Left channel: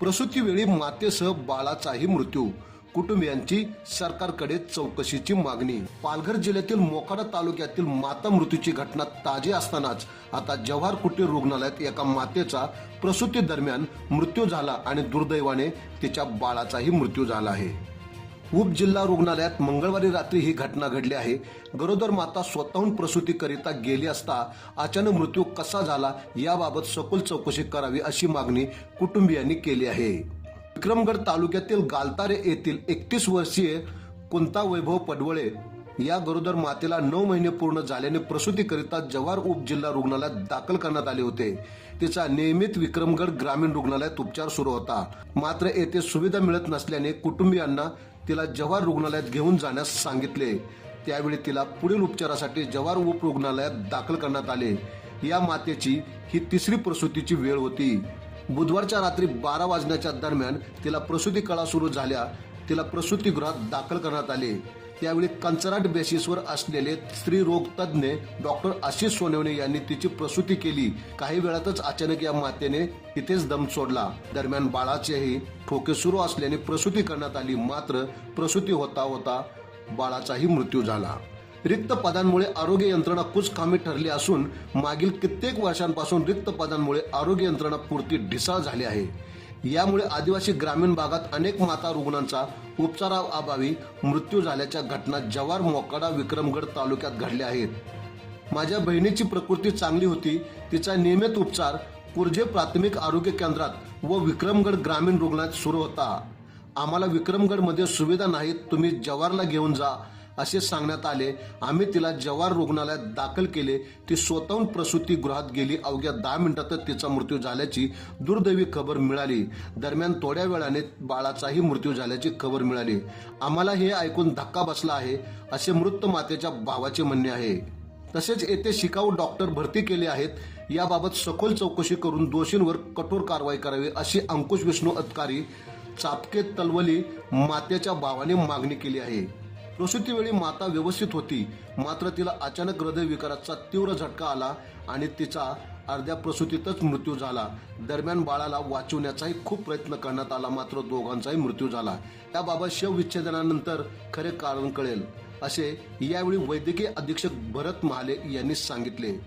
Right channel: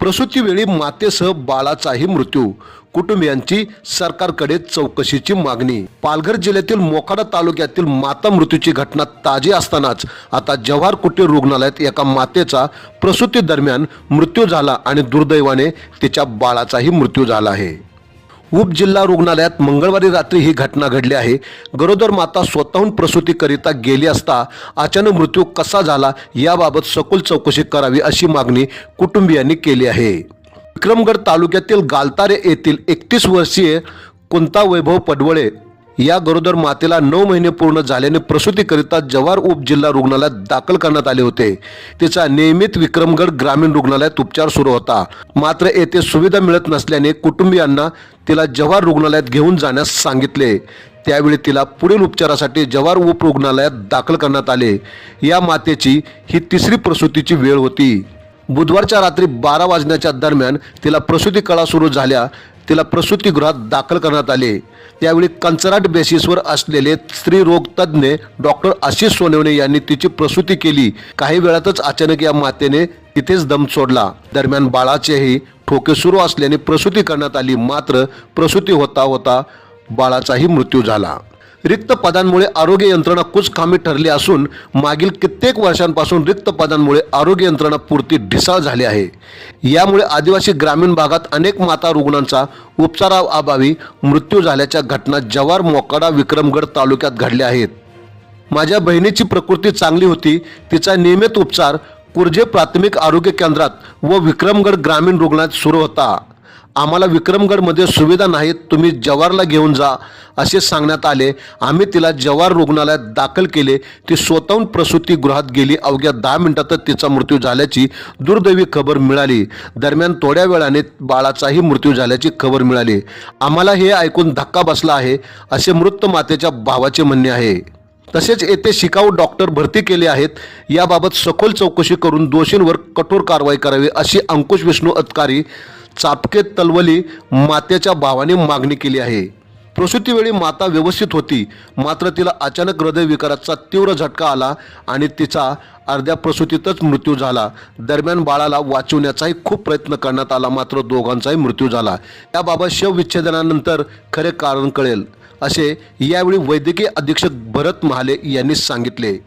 प्रसूतीवेळी मातेसह बाळाचाही मृत्यू. कुटुंबियांची सरकारकडे चौकशीची मागणी. पालघर जिल्ह्यातील मोखाडा तालुक्यातील माता मृत्यूची घटना ताजी असतानाच आता जव्हार कुटीर रुग्णालयात एका मातेचा प्रसूती दरम्यान मृत्यू झाला आणि दुर्दैवाने तिच्या बाळाचाही मृत्यू झाला आहे. उपजिल्हा रुग्णालयात मंगळवारी रात्री ही घटना घडली आहे. गरोदर माता स्वतःहून प्रसूतीकरिता गेली असता अचानक मृत्यू कसा झाला याबाबत सखोल चौकशी करावी अशी मागणी कुटुंबियांनी केली आहे. विक्रमगड तालुक्यातील गालतारे येथील एकतीस वर्षीय कोणता वैभव पडवळे या गरोदर मातेला नऊ महिने पूर्ण झाल्याने प्रसूतीकरिता जव्हार उपजिल्हा रुग्णालयात दाखल करण्यात आले होते. तिचा नियमित विक्रमगड ग्रामीण रुग्णालयात उपचार सुरू होता. मात्र येथे सुविधा मिळत नसल्याने कुटुंबियांना तिला जव्हार रुग्णालयात घेऊन जाण्यास सांगितले. त्यावेळी तिला पुढील उपचारासाठी जव्हार उप रुग्णालयात दाखल करण्यात आले. या मातेची ही तिसरी प्रसूतीची वेळ होती. बुधवारच्या रात्री बारा वाजण्याच्या दरम्यान तिला प्रसूती कळा सुरू झाल्या. तिला प्रसूतीगृहात दाखल करण्यात आले. त्यावेळी कंचराट बेसिसवर असलेले स्त्रीरोग तज्ज्ञ डॉक्टर आशिष सोनवणे यांनी तिची प्रसूती केली. काही वेळातच अचानक या मातेने तिथेच दम सोडला. दरम्यान बाळाचेही ठोके सुरू असल्याने प्रसूती करण्यात आली. मात्र प्रसूती होता होता बाळाचाही मृत्यू झाला. रिक्त पदांमुळे आरोग्य यंत्रणा कुचकामी ठरली असून मागील कित्येक वर्षांपासून रिक्त पदांमुळे आरोग्य यंत्रणा पुरती ढिसाळ झाली आहे. यामुळे आदिवासी ग्रामीण भागात अनेक माता रुग्णांचा उपचाराअभावी मृत्यू झाल्याच्या घटना जव्हार मोकाडा विक्रमगड तालुक्यात घडल्या आहेत. माझ्या बहिणीची प्रकृती चांगली होती तिचा नियमित उपचार कुर्जे प्राथमिक आरोग्य केंद्रात व विक्रमगड ग्रामीण रुग्णालयात सुरू होता. आम्हाला विक्रमगडमध्ये सुविधा नाहीत तुम्ही जवारला घेऊन जा असे सांगण्यात आले. आम्ही तिला जवार रुग्णालयात दाखल केले. ती स्वतःहून प्रसूतीगृहात गेली. अवघ्या दहा मिनिटातच तिचा मृत्यू झाल्याची दुर्दैवी खबर मिळाली. दरम्यान थोड्या वेळाने बाळाचाही मृत्यू झाल्याची खबर मिळाली. आम्हाला हे ऐकून धक्का बसला आहे असे मृत मातेच्या भावाचे म्हणणे आहे. तसेच येथे शिकाऊ डॉक्टर भरती केले आहेत. याबाबत सखोल चौकशी करून दोषींवर कठोर कारवाई करावी अशी अंकुश विष्णू अधिकारी चापके तलवली मातेच्या भावाने मागणी केली आहे. प्रसूतीवेळी माता व्यवस्थित होती. मात्र तिला अचानक हृदयविकाराचा तीव्र झटका आला आणि तिचा अर्ध्या प्रसूतीतच मृत्यू झाला. दरम्यान बाळाला वाचवण्याचाही खूप प्रयत्न करण्यात आला मात्र दोघांचाही मृत्यू झाला. याबाबत शवविच्छेदनानंतर खरे कारण कळेल असे यावेळी वैद्यकीय अधीक्षक भरत महाले यांनी सांगितले.